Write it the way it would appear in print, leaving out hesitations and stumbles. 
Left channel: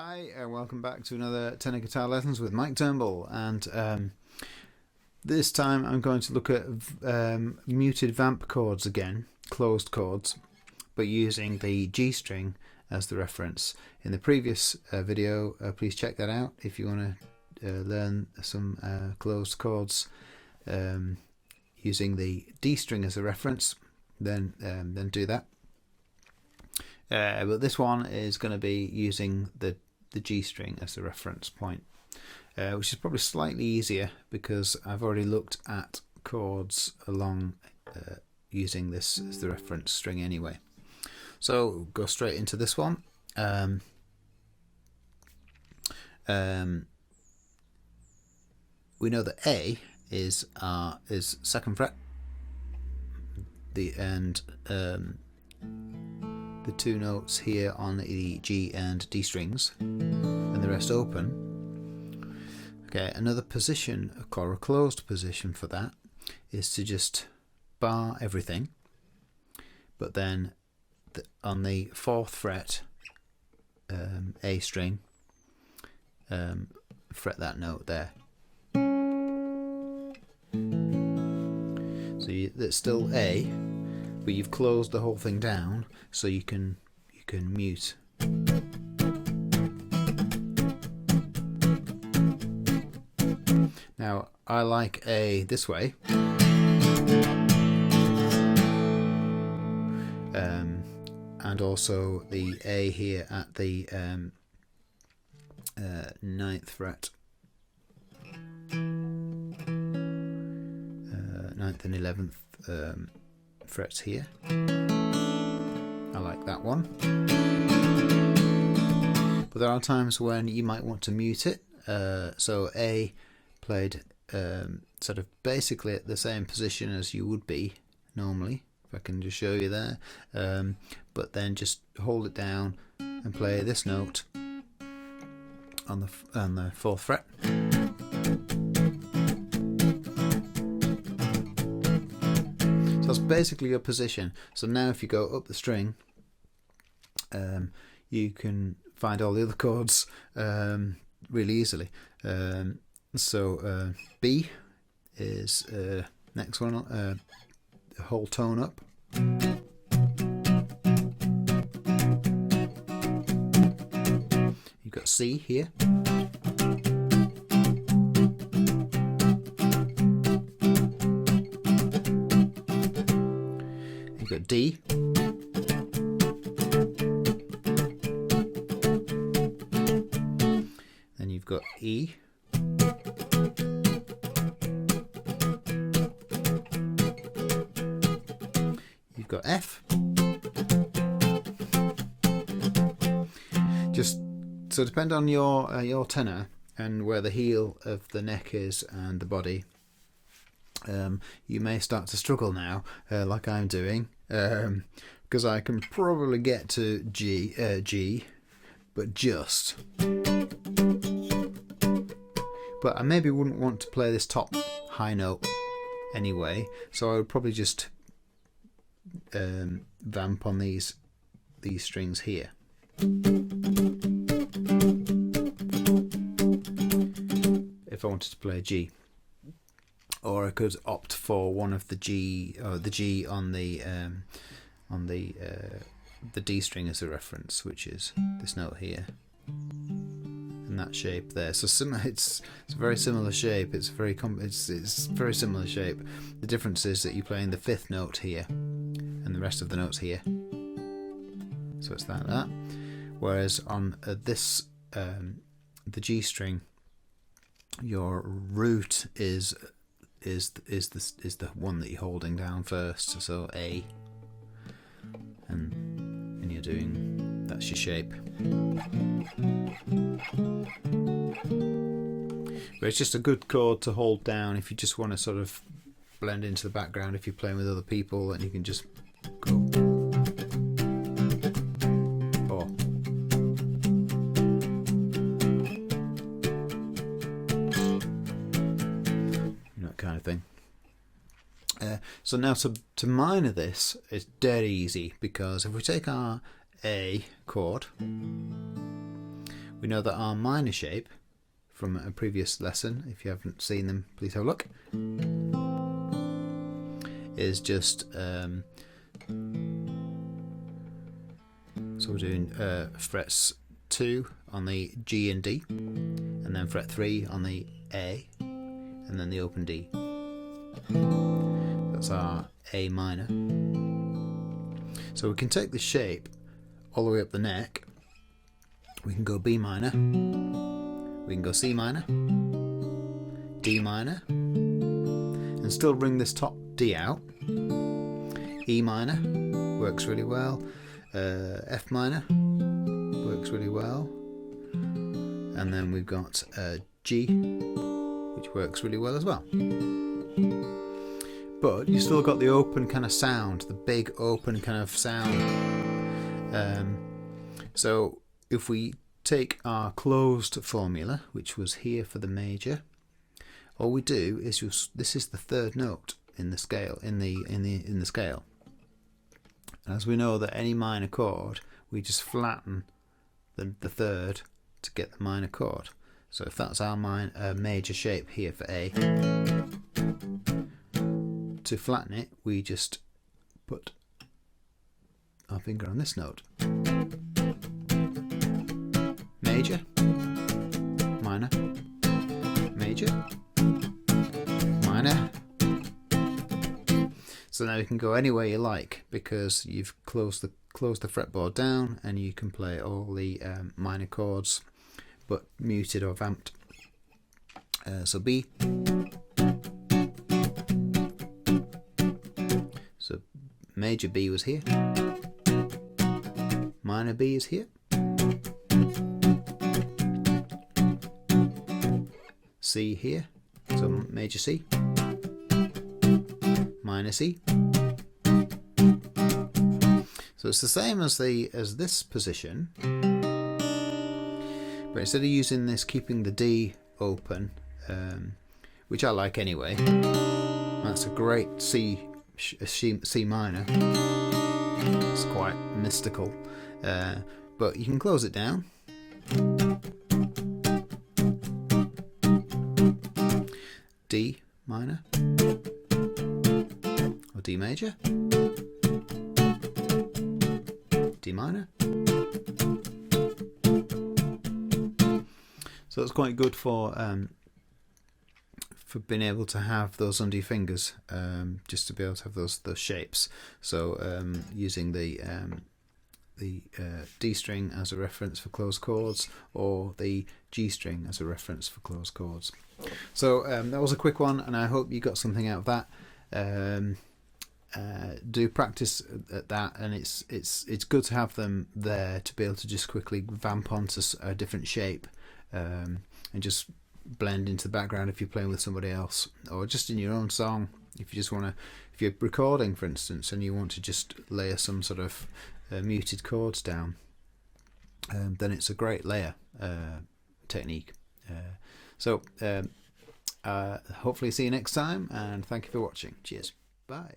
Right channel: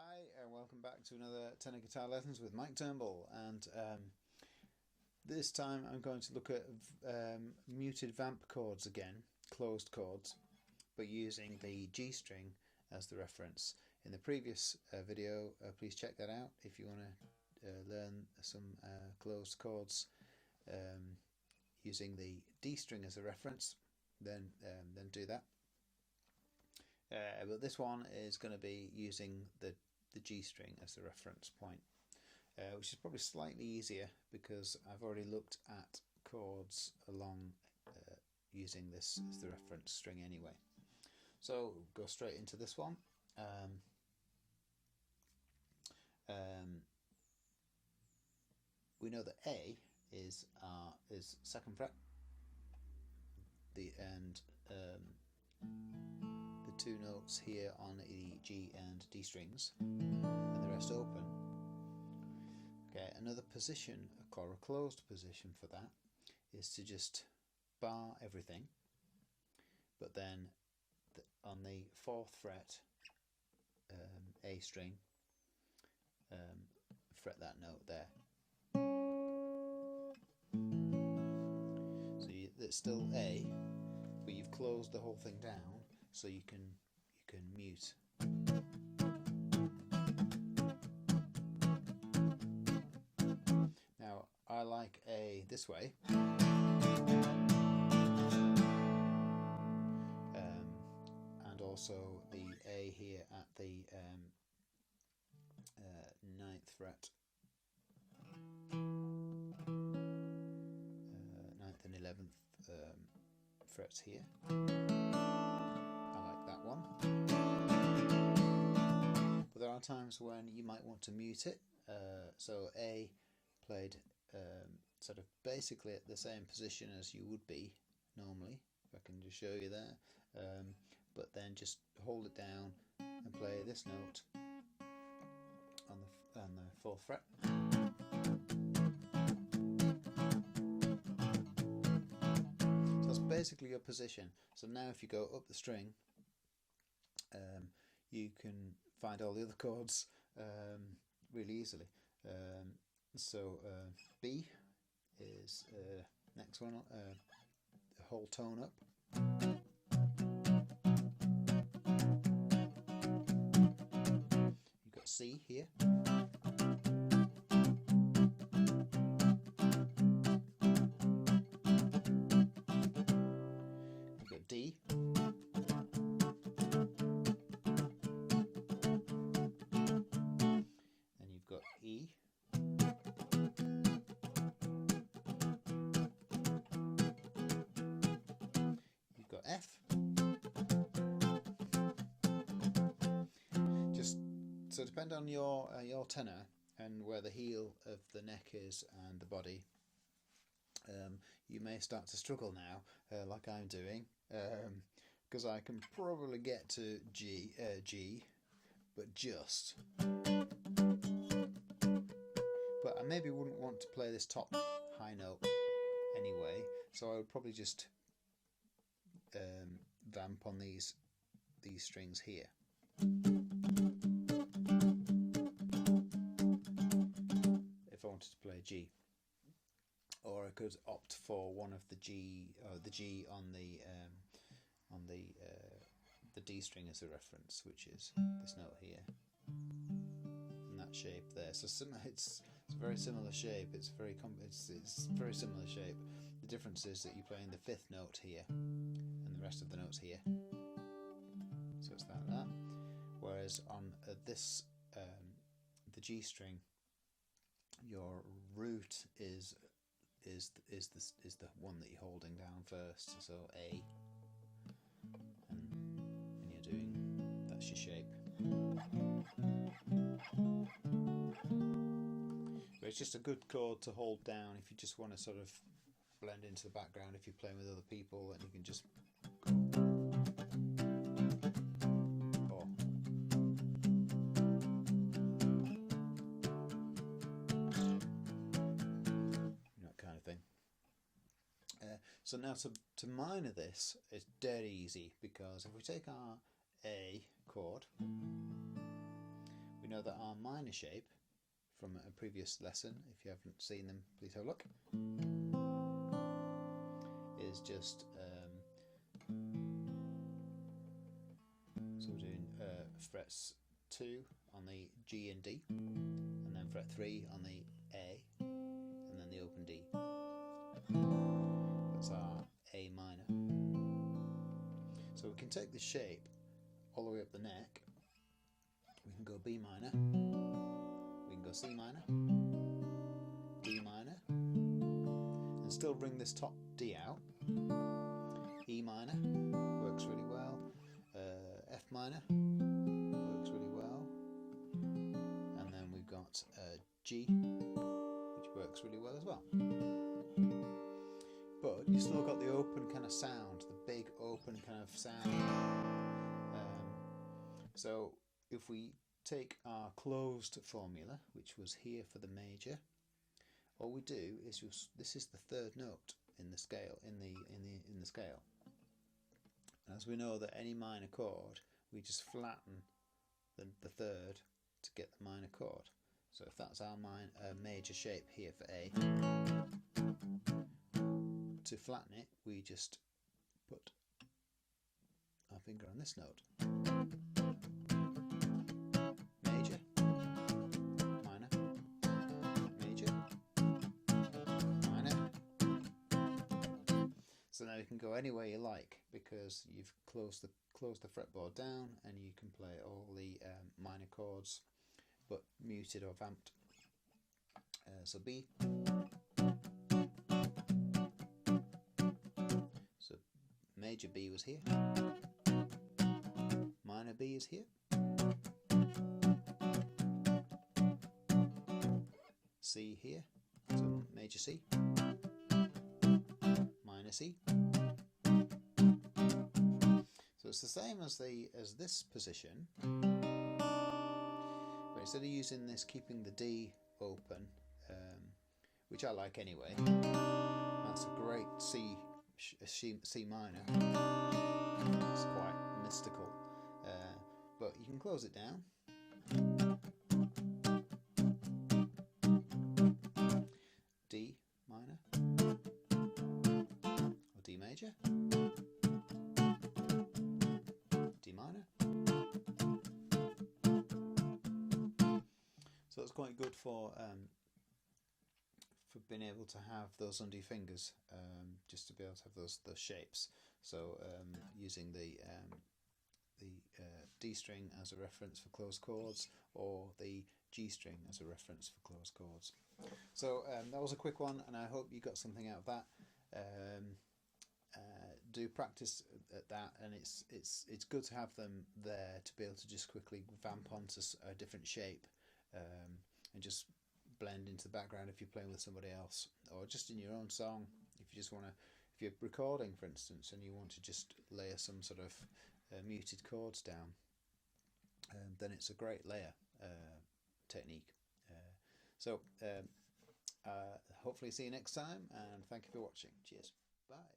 Hi, and welcome back to another tenor guitar lessons with Mike Turnbull, and this time I'm going to look at muted vamp chords again, closed chords, but using the G string as the reference. In the previous video, please check that out if you want to learn some closed chords using the D string as a reference, then do that. But this one is going to be using the G string as the reference point, which is probably slightly easier because I've already looked at chords along using this as the reference string anyway. So go straight into this one. We know that A is 2nd fret, and the two notes here on the G and D strings, and the rest open. Okay, another position, or a closed position for that, is to just bar everything, but then on the 4th fret, A string, fret that note there. So it's still A, but you've closed the whole thing down, so you can mute. Now I like A this way, and also the A here at the 9th fret, 9th and 11th frets here. I like that one. But there are times when you might want to mute it. So A played sort of basically at the same position as you would be normally, if I can just show you there. But then just hold it down and play this note on the 4th fret. So that's basically your position. So now if you go up the string, you can find all the other chords really easily. So B is next one, the whole tone up. You've got C here. You've got D. Then you've got E. You've got F. Just so depend on your tenor and where the heel of the neck is and the body. You may start to struggle now, like I'm doing, because I can probably get to G, but just. But I maybe wouldn't want to play this top high note anyway, so I would probably just vamp on these strings here. If I wanted to play G, or I could opt for one of the G, or the G on the D string as a reference, which is this note here, and that shape there. So it's a very similar shape. It's very similar shape. The difference is that you're playing the 5th note here, and the rest of the notes here. So it's that. Whereas on this the G string, your root is the one that you're holding down first. So A, and you're doing, that's your shape. But it's just a good chord to hold down if you just want to sort of blend into the background. If you're playing with other people, and you can just go. Or that kind of thing. So now to minor this, it's dead easy, because if we take our A chord, We know that our minor shape from a previous lesson, if you haven't seen them, please have a look, is just so we're doing frets 2 on the G and D, and then fret 3 on the A, and then the open D. That's our A minor. So we can take the shape all the way up the neck. We can go B minor, we can go C minor, D minor, and still bring this top D out. E minor works really well. F minor works really well. And then we've got G, which works really well as well. But you still got the open kind of sound, the big open kind of sound. So if we take our closed formula, which was here for the major, all we do is this is the third note in the scale, in the scale. And as we know that any minor chord, we just flatten the third to get the minor chord. So if that's our major shape here for A, to flatten it, we just put our finger on this note. Major, minor, major, minor. So now you can go anywhere you like because you've closed the fretboard down, and you can play all the minor chords, but muted or vamped. So B. So major B was here. Minor B is here. C here. So major C. Minor C. So it's the same as this position, but instead of using this, keeping the D open, which I like anyway. That's a great C minor. It's quite mystical, but you can close it down. D minor or D major, D minor. So it's quite good for being able to have those under your fingers, just to be able to have those shapes. So using the D string as a reference for closed chords, or the G string as a reference for closed chords. So that was a quick one, and I hope you got something out of that. Do practice at that, and it's good to have them there to be able to just quickly vamp onto a different shape, and just blend into the background if you're playing with somebody else, or just in your own song. If you just want to, if you're recording, for instance, and you want to just layer some sort of muted chords down, then it's a great layer technique. So hopefully see you next time, and thank you for watching. Cheers. Bye.